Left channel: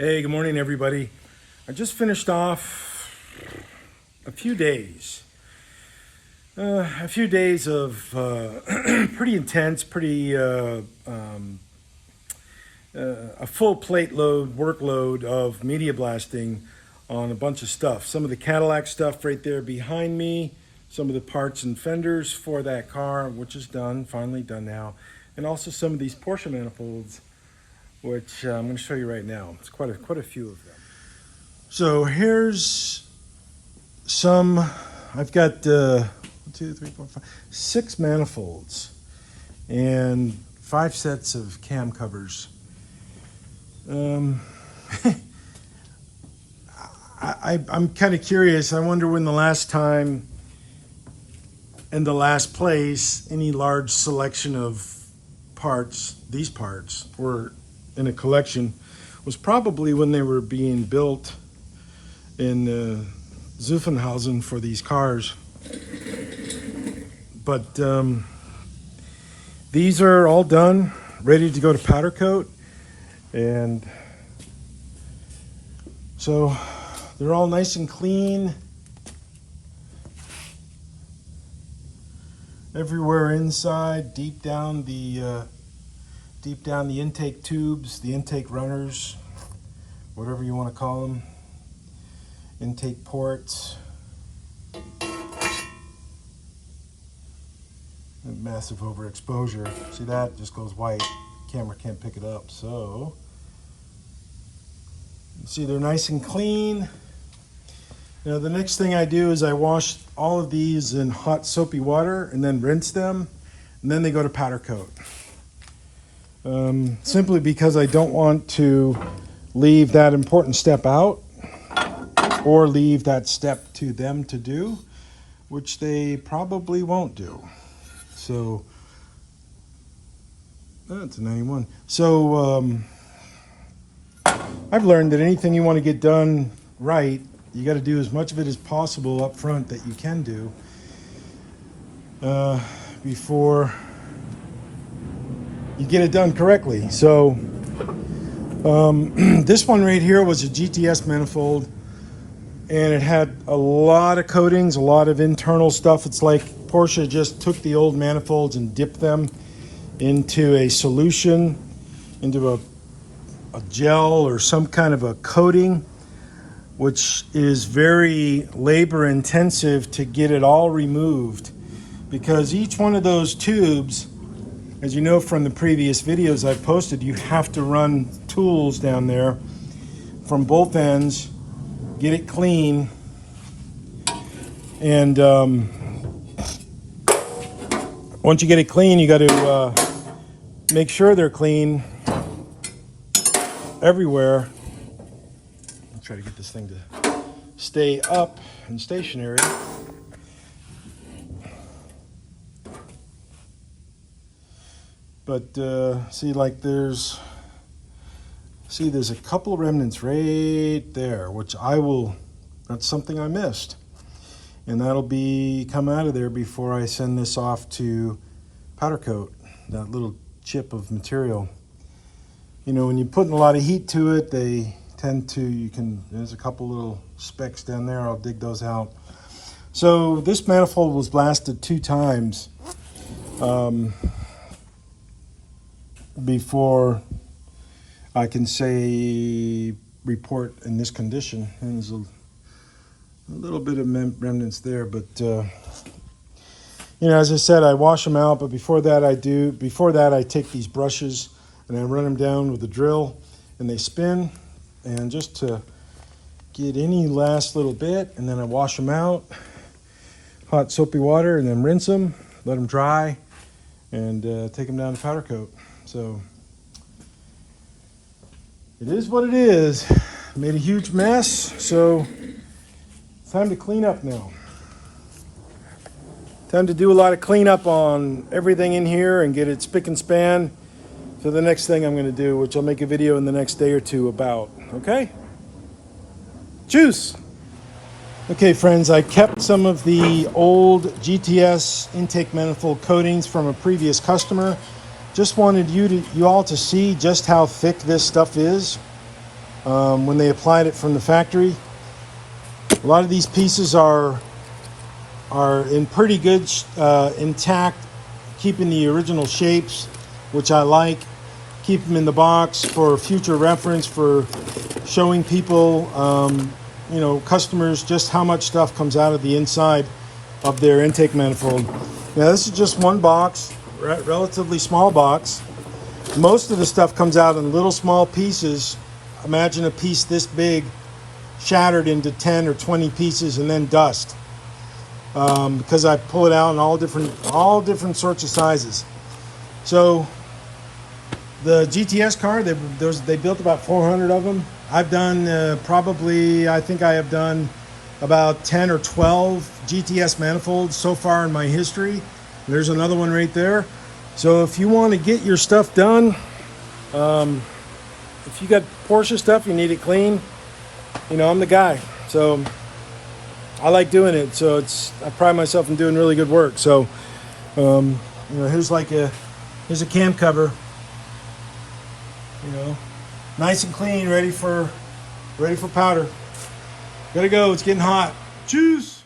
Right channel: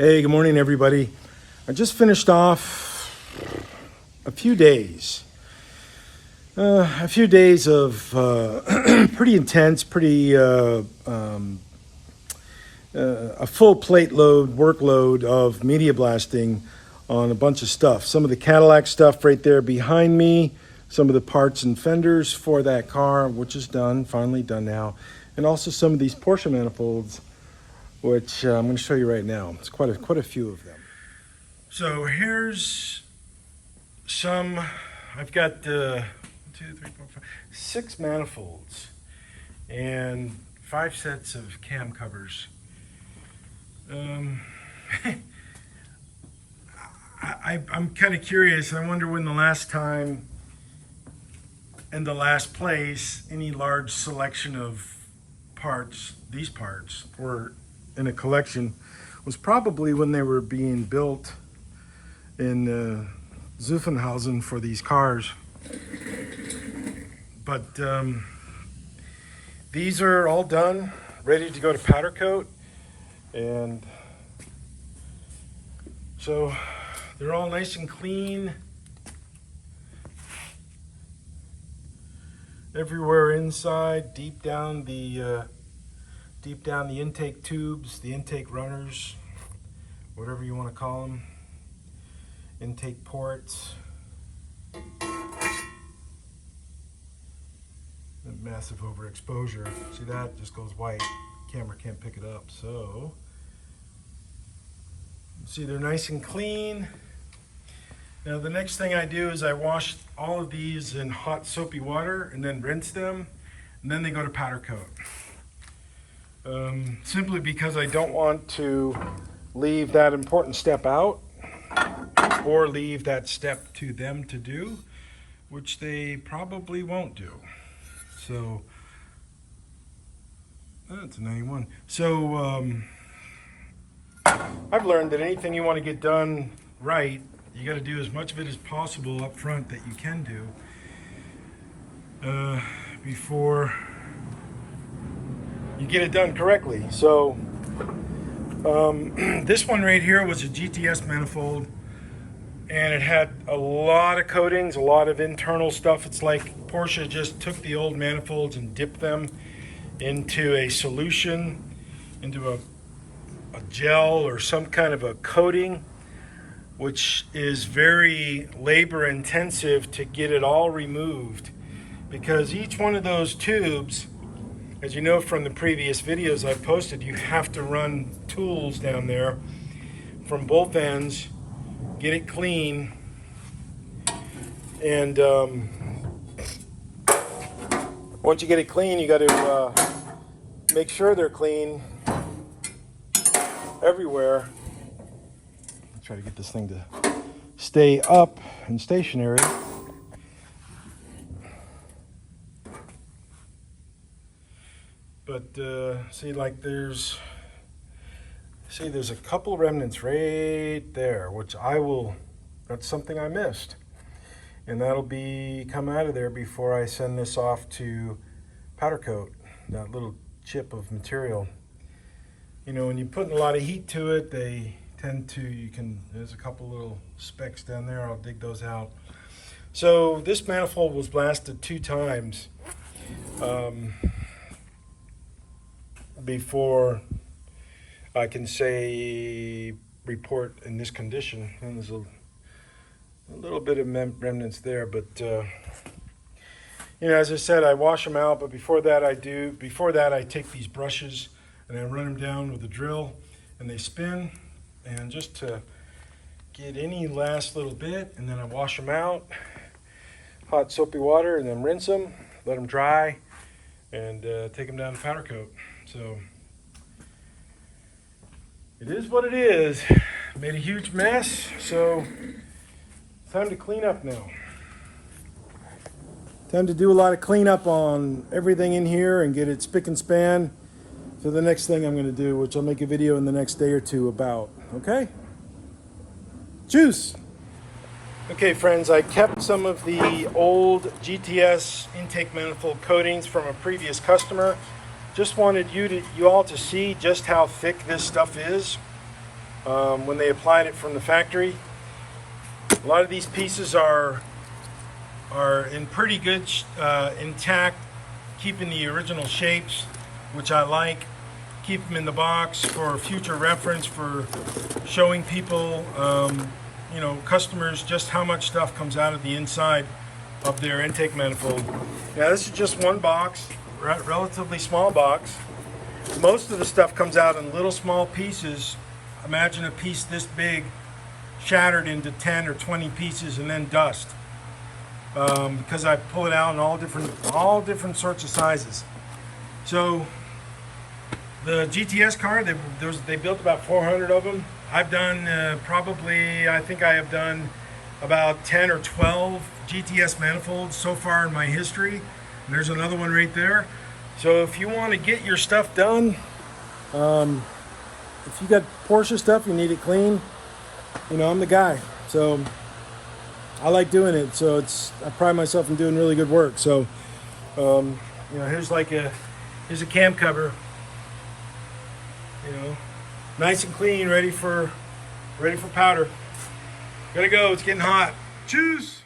Hey, good morning, everybody. I just finished off a few days. A few days of pretty intense, a full plate load, workload of media blasting on a bunch of stuff. Some of the Cadillac stuff right there behind me, some of the parts and fenders for that car, which is done, finally done now, and also some of these Porsche manifolds, which I'm going to show you right now. It's quite a few of them. So here's some. I've got 1, 2, 3, 4, 5, 6 manifolds and 5 sets of cam covers. I'm kind of curious. I wonder when the last time and the last place any large selection of parts, these parts, were in a collection, was probably when they were being built in Zuffenhausen for these cars. But these are all done, ready to go to powder coat, and so they're all nice and clean everywhere inside, deep down the intake tubes, the intake runners, whatever you want to call them, intake ports. And massive overexposure. See that? Just goes white. Camera can't pick it up. So, see, they're nice and clean. Now the next thing I do is I wash all of these in hot soapy water and then rinse them, and then they go to powder coat. Simply because I don't want to leave that important step out or leave that step to them to do, which they probably won't do. So that's a 91. So I've learned that anything you want to get done right, you got to do as much of it as possible up front that you can do before you get it done correctly. So this one right here was a GTS manifold, and it had a lot of coatings, a lot of internal stuff. It's like Porsche just took the old manifolds and dipped them into a solution, into a gel or some kind of a coating, which is very labor intensive to get it all removed, because each one of those tubes, as you know from the previous videos I've posted, you have to run tools down there from both ends, get it clean, and once you get it clean, you got to make sure they're clean everywhere. I'll try to get this thing to stay up and stationary. But see, like there's a couple of remnants right there, which that's something I missed. And that'll come out of there before I send this off to powder coat, that little chip of material. You know, when you're putting a lot of heat to it, they tend to, there's a couple little specks down there, I'll dig those out. So this manifold was blasted 2 times before I can say report in this condition. And there's a little bit of remnants there, but you know, as I said, I wash them out, but before that I take these brushes and I run them down with a drill, and they spin, and just to get any last little bit, and then I wash them out, hot soapy water, and then rinse them, let them dry, and take them down to powder coat. So it is what it is. Made a huge mess, so time to clean up now. Time to do a lot of cleanup on everything in here and get it spick and span for the next thing I'm going to do, which I'll make a video in the next day or two about. Okay? Juice! Okay, friends, I kept some of the old GTS intake manifold coatings from a previous customer. Just wanted you all to see just how thick this stuff is. when they applied it from the factory. A lot of these pieces are in pretty good intact, keeping the original shapes, which I like. Keep them in the box for future reference, for showing people, you know, customers, just how much stuff comes out of the inside of their intake manifold. Now this is just one box, relatively small box. Most of the stuff comes out in little small pieces. Imagine a piece this big shattered into 10 or 20 pieces and then dust, because I pull it out in all different sorts of sizes. So the GTS car, they built about 400 of them. I've done probably, I think I have done about 10 or 12 GTS manifolds so far in my history. There's another one right there. So if you want to get your stuff done, if you got Porsche stuff, you need it clean, you know, I'm the guy. So I like doing it. So I pride myself in doing really good work. So, you know, here's a cam cover, you know, nice and clean, ready for powder. Gotta go, it's getting hot. Cheers.